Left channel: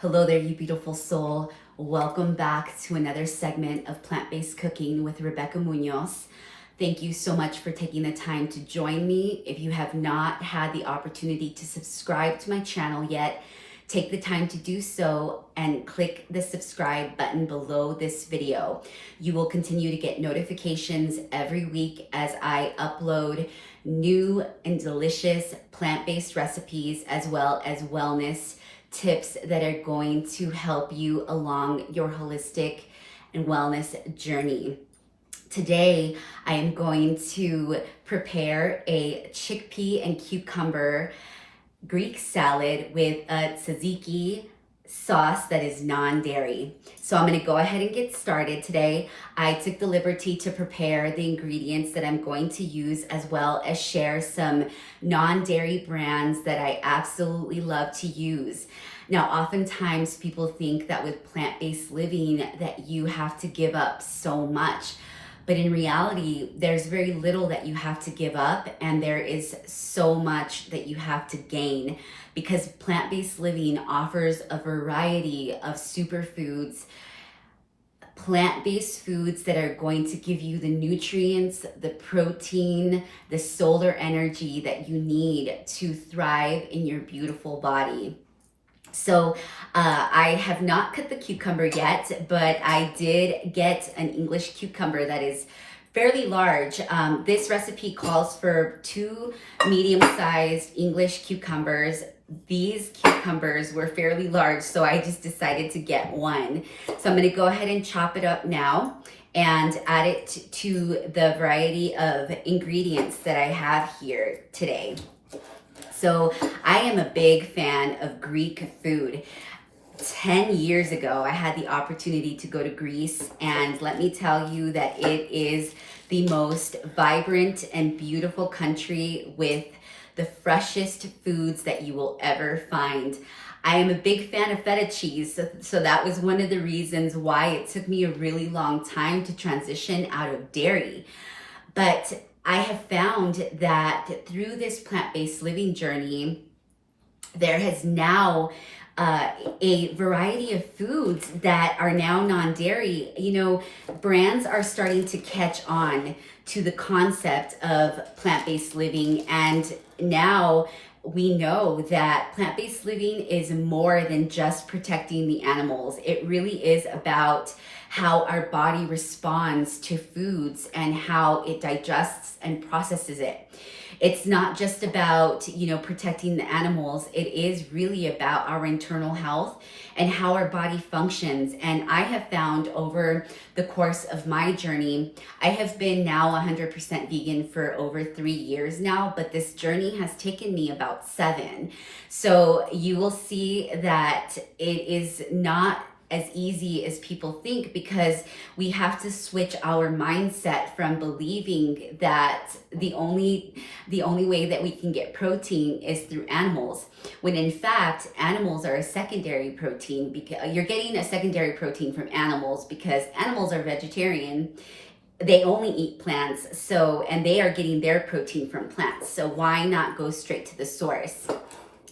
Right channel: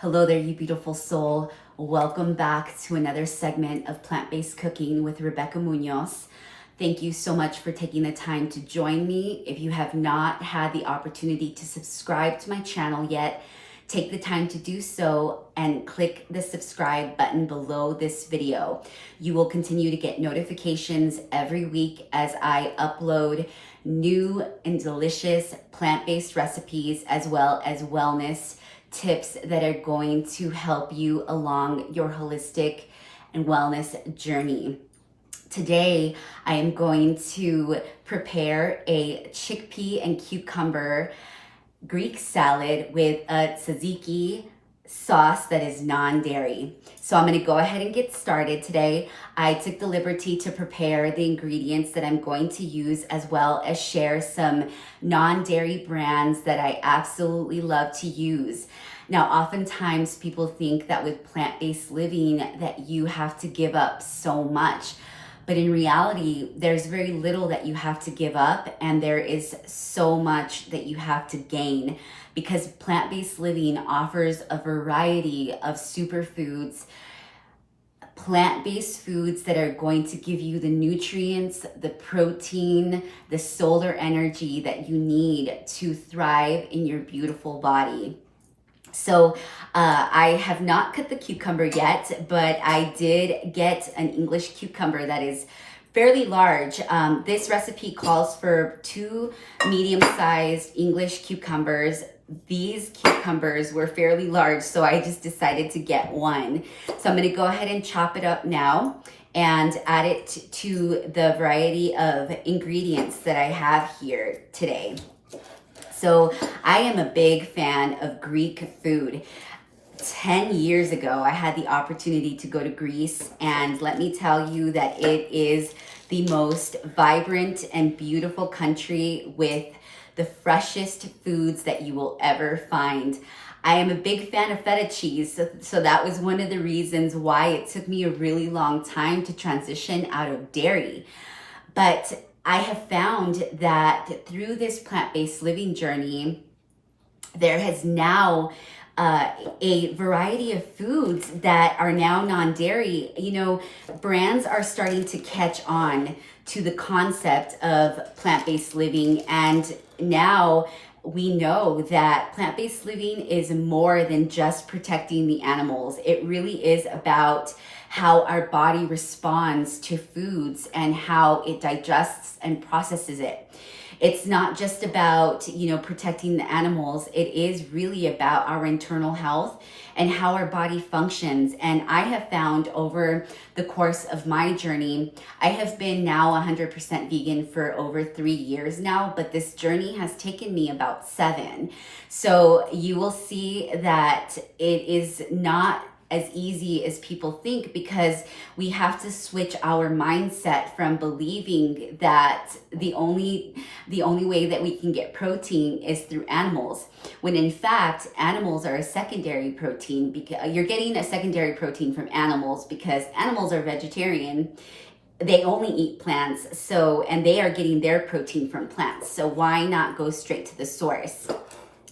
Hello there, you beautiful soul. Welcome back to another segment of plant-based cooking with Rebecca Muñoz. Thank you so much for taking the time to join me. If you have not had the opportunity to subscribe to my channel yet, take the time to do so and click the subscribe button below this video. You will continue to get notifications every week as I upload new and delicious plant-based recipes as well as wellness tips that are going to help you along your holistic and wellness journey. Today, I am going to prepare a chickpea and cucumber Greek salad with a tzatziki sauce that is non-dairy. So I'm going to go ahead and get started today. I took the liberty to prepare the ingredients that I'm going to use, as well as share some non-dairy brands that I absolutely love to use. Now, oftentimes people think that with plant-based living that you have to give up so much. But in reality, there's very little that you have to give up, and there is so much that you have to gain, because plant-based living offers a variety of superfoods, plant-based foods that are going to give you the nutrients, the protein, the solar energy that you need to thrive in your beautiful body. So I have not cut the cucumber yet, but I did get an English cucumber that is fairly large. This recipe calls for 2 medium-sized English cucumbers. These cucumbers were fairly large, so I just decided to get one. So I'm going to go ahead and chop it up now and add it to the variety of ingredients that I have here today. So I am a big fan of Greek food. 10 years ago, I had the opportunity to go to Greece, and let me tell you that it is the most vibrant and beautiful country with the freshest foods that you will ever find. I am a big fan of feta cheese, so that was one of the reasons why it took me a really long time to transition out of dairy. But I have found that through this plant-based living journey, there has now a variety of foods that are now non-dairy. You know, brands are starting to catch on to the concept of plant-based living, and now we know that plant-based living is more than just protecting the animals. It really is about how our body responds to foods and how it digests and processes it. It's not just about, protecting the animals. It is really about our internal health and how our body functions. And I have found over the course of my journey, I have been now 100% vegan for over 3 years now, but this journey has taken me about 7. So you will see that it is not as easy as people think, because we have to switch our mindset from believing that the only way that we can get protein is through animals, when in fact animals are a secondary protein. Because you're getting a secondary protein from animals because animals are vegetarian. They only eat plants, and they are getting their protein from plants. So why not go straight to the source?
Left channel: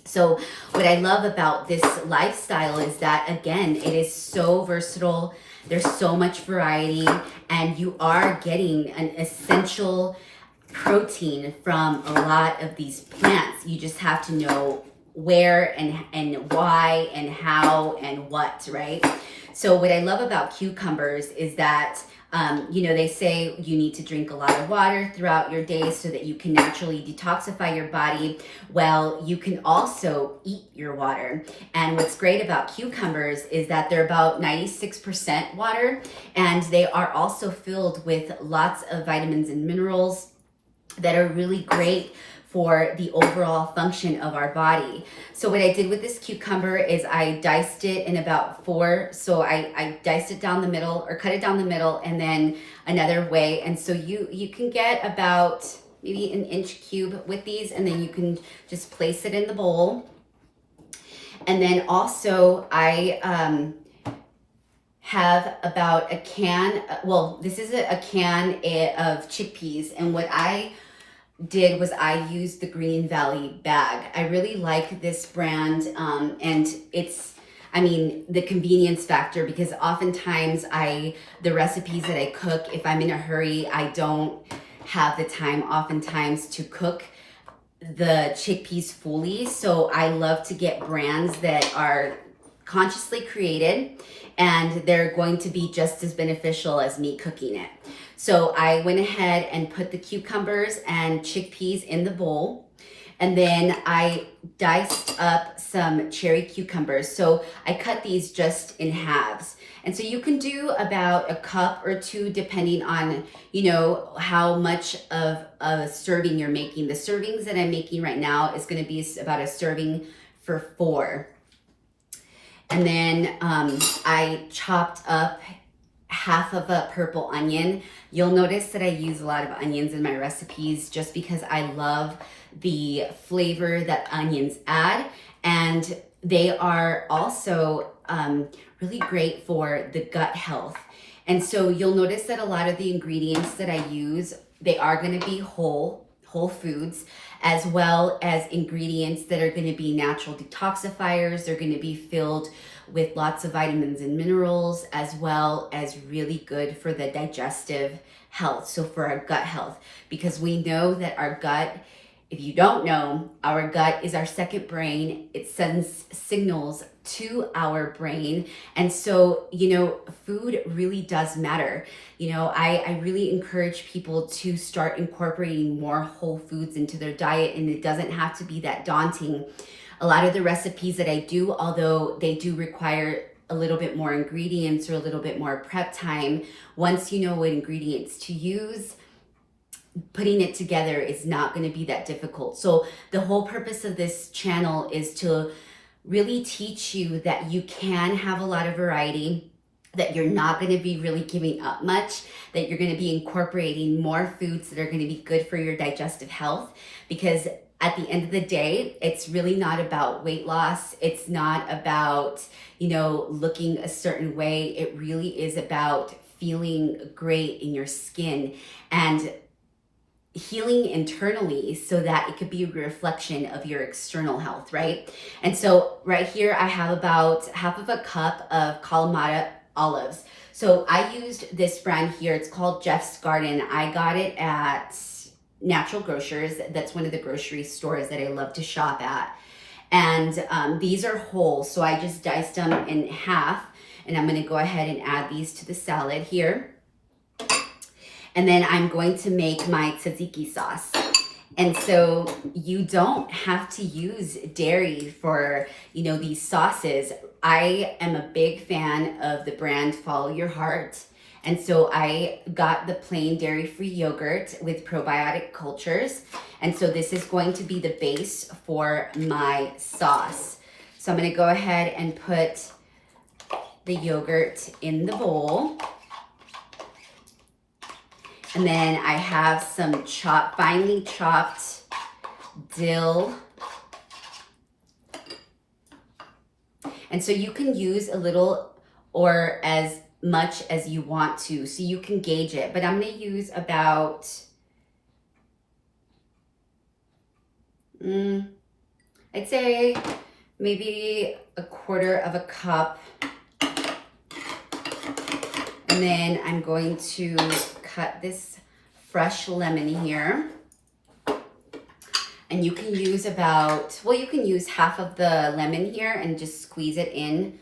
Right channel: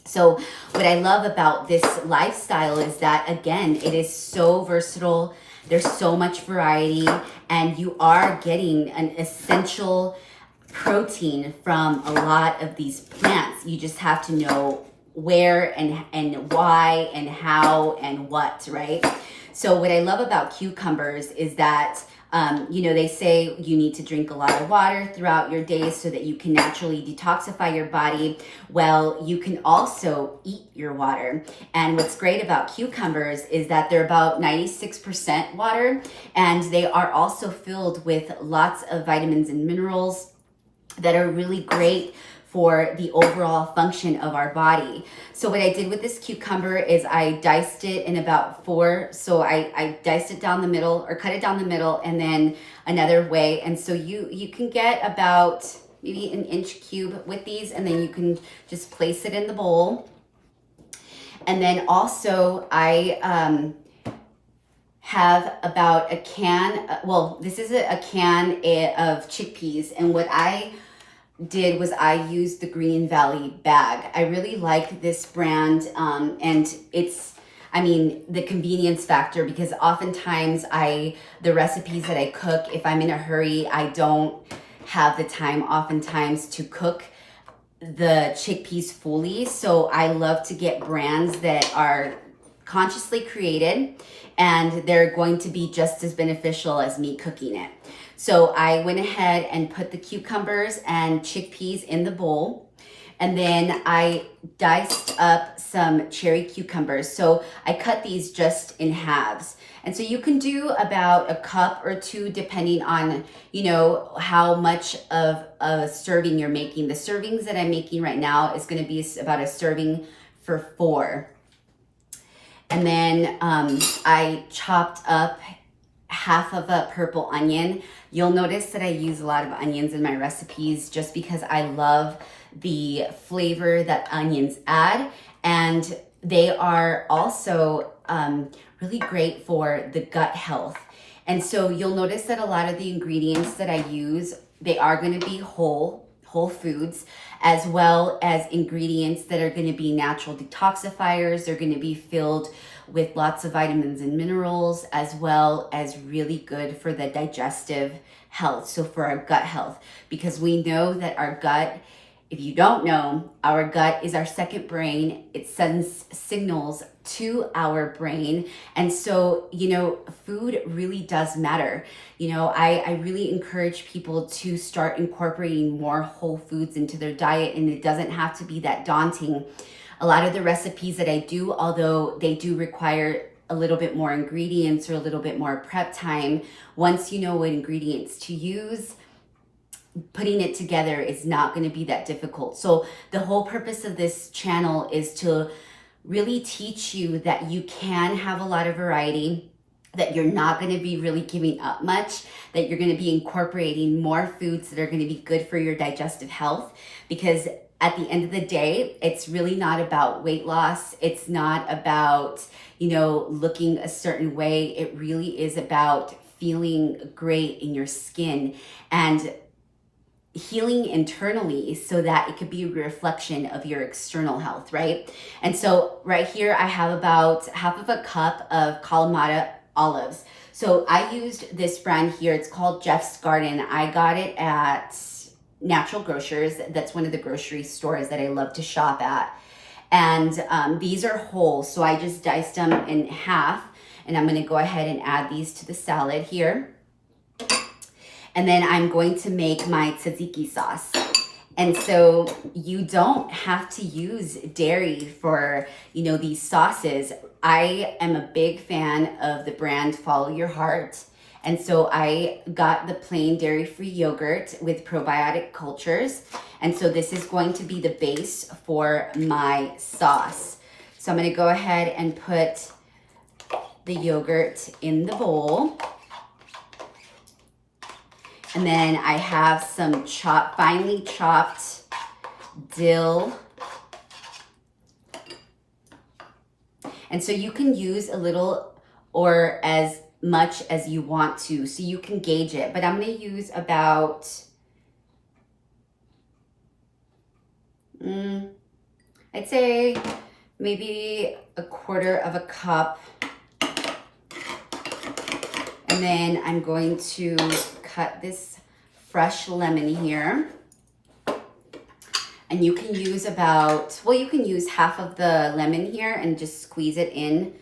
So what I love about this lifestyle is that, again, it is so versatile. There's so much variety, and you are getting an essential protein from a lot of these plants. You just have to know where and why and how and what, right? So what I love about cucumbers is that they say you need to drink a lot of water throughout your day so that you can naturally detoxify your body. Well, you can also eat your water. And what's great about cucumbers is that they're about 96% water, and they are also filled with lots of vitamins and minerals that are really great for the overall function of our body. So what I did with this cucumber is I diced it in about 4. So I diced it down the middle, or cut it down the middle, and then another way. And so you can get about maybe an inch cube with these, and then you can just place it in the bowl. And then also I have about a can, this is a can of chickpeas, and what I did was I used the Green Valley bag. I really like this brand, and the convenience factor, because oftentimes the recipes that I cook, if I'm in a hurry, I don't have the time oftentimes to cook the chickpeas fully. So I love to get brands that are consciously created, and they're going to be just as beneficial as me cooking it. So I went ahead and put the cucumbers and chickpeas in the bowl, and then I diced up some cherry cucumbers. So I cut these just in halves. And so you can do about a cup or two depending on, how much of a serving you're making. The servings that I'm making right now is going to be about a serving for 4. And then I chopped up half of a purple onion. You'll notice that I use a lot of onions in my recipes just because I love the flavor that onions add, and they are also really great for the gut health. And so you'll notice that a lot of the ingredients that I use, they are going to be whole foods, as well as ingredients that are going to be natural detoxifiers. They're going to be filled with lots of vitamins and minerals, as well as really good for the digestive health, so for our gut health, because we know that our gut, if you don't know, our gut is our second brain. It sends signals to our brain. And so, food really does matter. I really encourage people to start incorporating more whole foods into their diet, and it doesn't have to be that daunting. A lot of the recipes that I do, although they do require a little bit more ingredients or a little bit more prep time, once you know what ingredients to use, putting it together is not going to be that difficult. So the whole purpose of this channel is to really teach you that you can have a lot of variety, that you're not going to be really giving up much, that you're going to be incorporating more foods that are going to be good for your digestive health. Because at the end of the day, it's really not about weight loss. It's not about, looking a certain way. It really is about feeling great in your skin and healing internally, so that it could be a reflection of your external health, right? And so right here, I have about half of a cup of kalamata olives. So I used this brand here. It's called Jeff's Garden. I got it at Natural Grocers. That's one of the grocery stores that I love to shop at. And these are whole, so I just diced them in half, and I'm going to go ahead and add these to the salad here. And then I'm going to make my tzatziki sauce. And so you don't have to use dairy for, these sauces. I am a big fan of the brand Follow Your Heart. And so I got the plain dairy-free yogurt with probiotic cultures. And so this is going to be the base for my sauce. So I'm going to go ahead and put the yogurt in the bowl. And then I have some finely chopped dill. And so you can use a little or as much as you want to, so you can gauge it. But I'm going to use about, I'd say maybe a quarter of a cup. And then I'm going to cut this fresh lemon here. And you can use you can use half of the lemon here and just squeeze it in.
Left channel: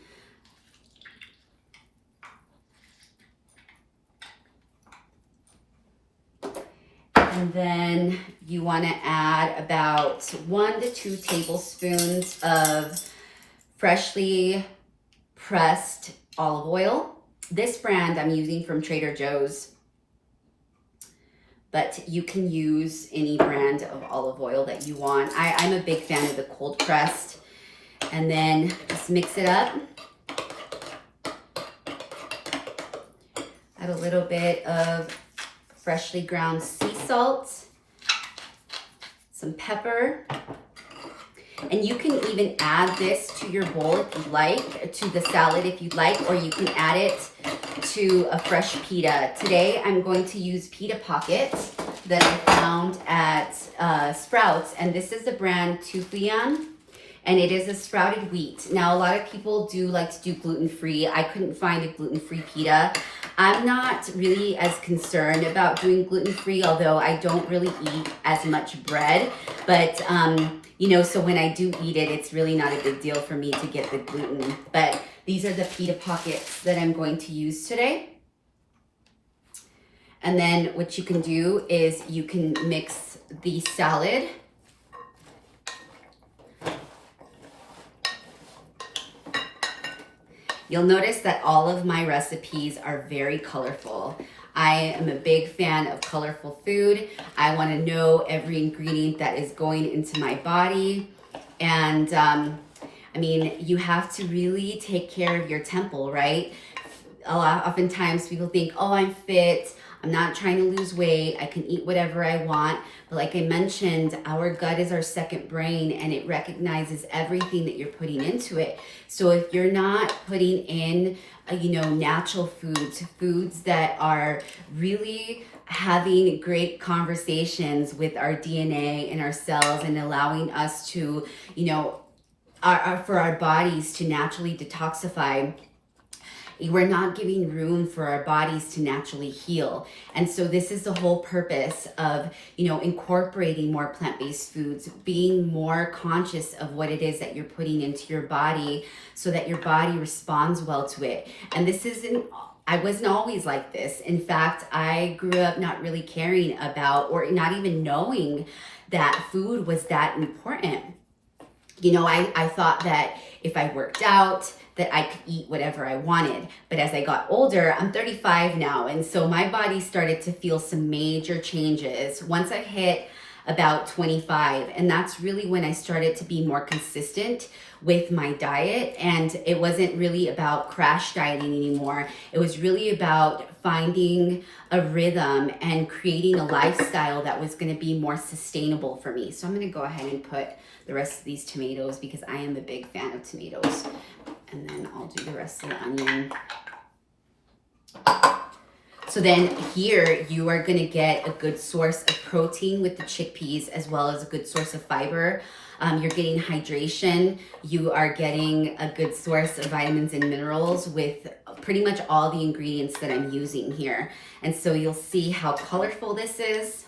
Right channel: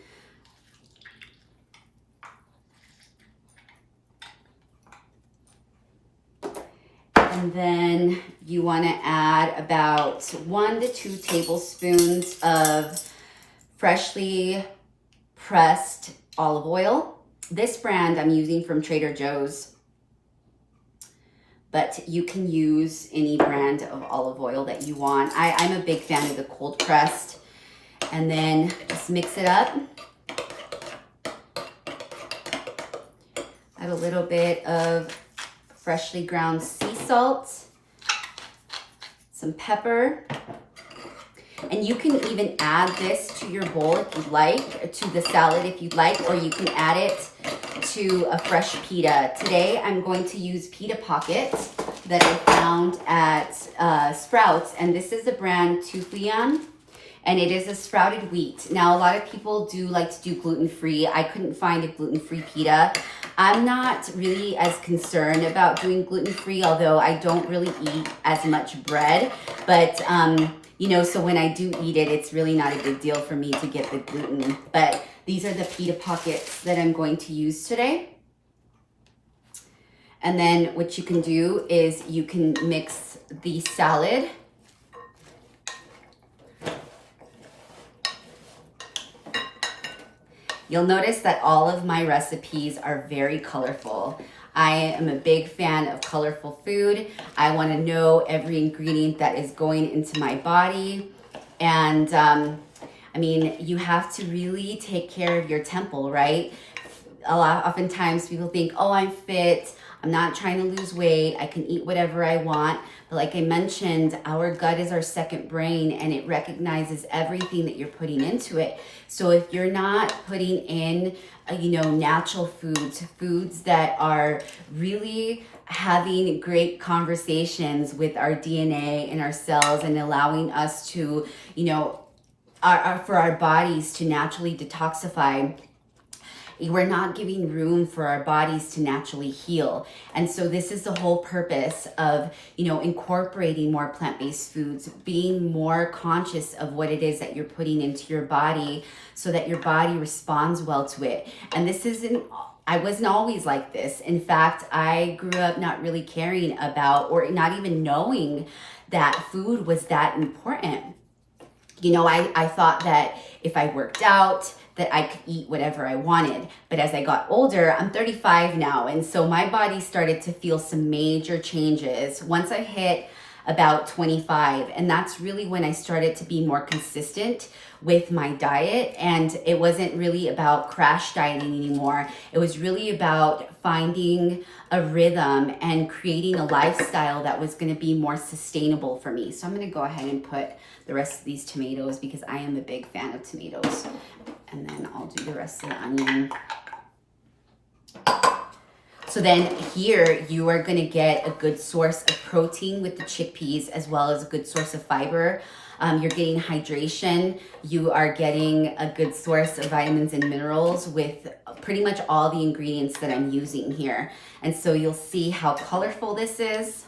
And then you want to add about 1 to 2 tablespoons of freshly pressed olive oil. This brand I'm using from Trader Joe's, but you can use any brand of olive oil that you want. I'm a big fan of the cold pressed. And then just mix it up. Add a little bit of freshly ground sea salt, some pepper, and you can even add this to your bowl if you'd like, or to the salad if you'd like, or you can add it to a fresh pita. Today I'm going to use pita pockets that I found at Sprouts, and this is the brand Tuflian. and it is a sprouted wheat. Now, a lot of people do like to do gluten-free. I couldn't find a gluten-free pita. I'm not really as concerned about doing gluten-free, although I don't really eat as much bread. But, you know, so when I do eat it, it's really not a big deal for me to get the gluten. But these are the pita pockets that I'm going to use today. And then what you can do is you can mix the salad. You'll notice that all of my recipes are very colorful. I am a big fan of colorful food. I want to know every ingredient that is going into my body. And I mean, you have to really take care of your temple, right? Oftentimes people think, oh, I'm fit. I'm not trying to lose weight. I can eat whatever I want. But like I mentioned, our gut is our second brain, and it recognizes everything that you're putting into it. So if you're not putting in, you know, natural foods that are really having great conversations with our DNA and our cells and allowing us to, you know, for our bodies to naturally detoxify, we're not giving room for our bodies to naturally heal. And so this is the whole purpose of, you know, incorporating more plant-based foods, being more conscious of what it is that you're putting into your body so that your body responds well to it. And this isn't, I wasn't always like this. In fact, I grew up not really caring about or not even knowing that food was that important. You know, I thought that if I worked out, that I could eat whatever I wanted. But as I got older, I'm 35 now, and so my body started to feel some major changes once I hit about 25. And that's really when I started to be more consistent with my diet. And it wasn't really about crash dieting anymore. It was really about finding a rhythm and creating a lifestyle that was gonna be more sustainable for me. So I'm gonna go ahead and put the rest of these tomatoes because I am a big fan of tomatoes. And then I'll do the rest of the onion. So then here you are gonna get a good source of protein with the chickpeas as well as a good source of fiber. You're getting hydration. You are getting a good source of vitamins and minerals with pretty much all the ingredients that I'm using here. And so you'll see how colorful this is.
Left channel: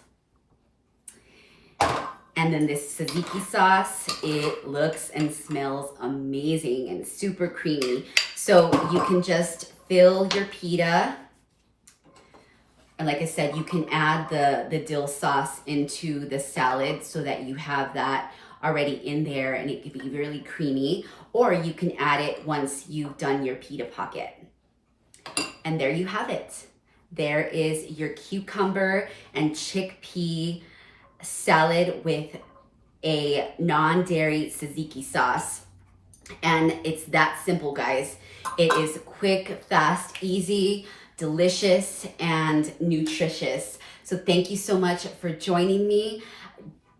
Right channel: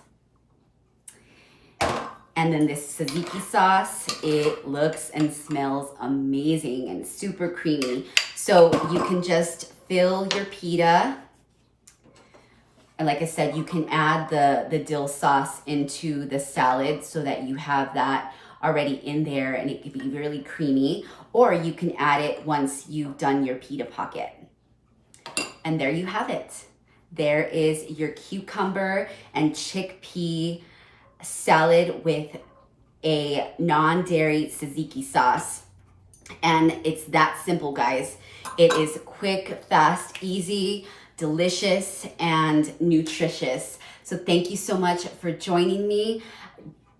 And then this tzatziki sauce, it looks and smells amazing and super creamy. So you can just fill your pita. And like I said, you can add the dill sauce into the salad so that you have that already in there and it can be really creamy. Or you can add it once you've done your pita pocket. And there you have it. There is your cucumber and chickpea salad with a non-dairy tzatziki sauce. And it's that simple, guys. It is quick, fast, easy, delicious, and nutritious. So thank you so much for joining me.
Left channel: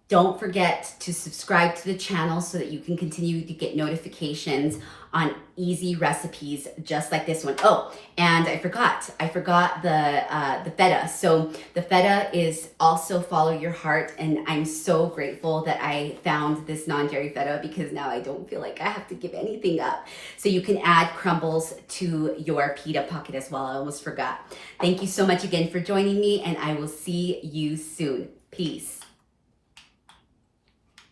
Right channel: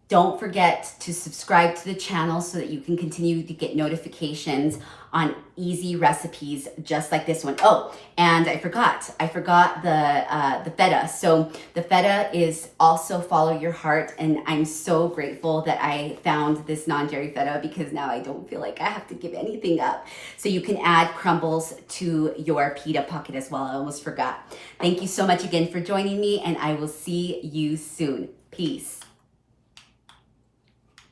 Don't forget to subscribe to the channel so that you can continue to get notifications on easy recipes just like this one. Oh, and I forgot the feta. So the feta is also follow your heart, and I'm so grateful that I found this non-dairy feta because now I don't feel like I have to give anything up. So you can add crumbles to your pita pocket as well. I almost forgot. Thank you so much again for joining me, and I will see you soon. Peace.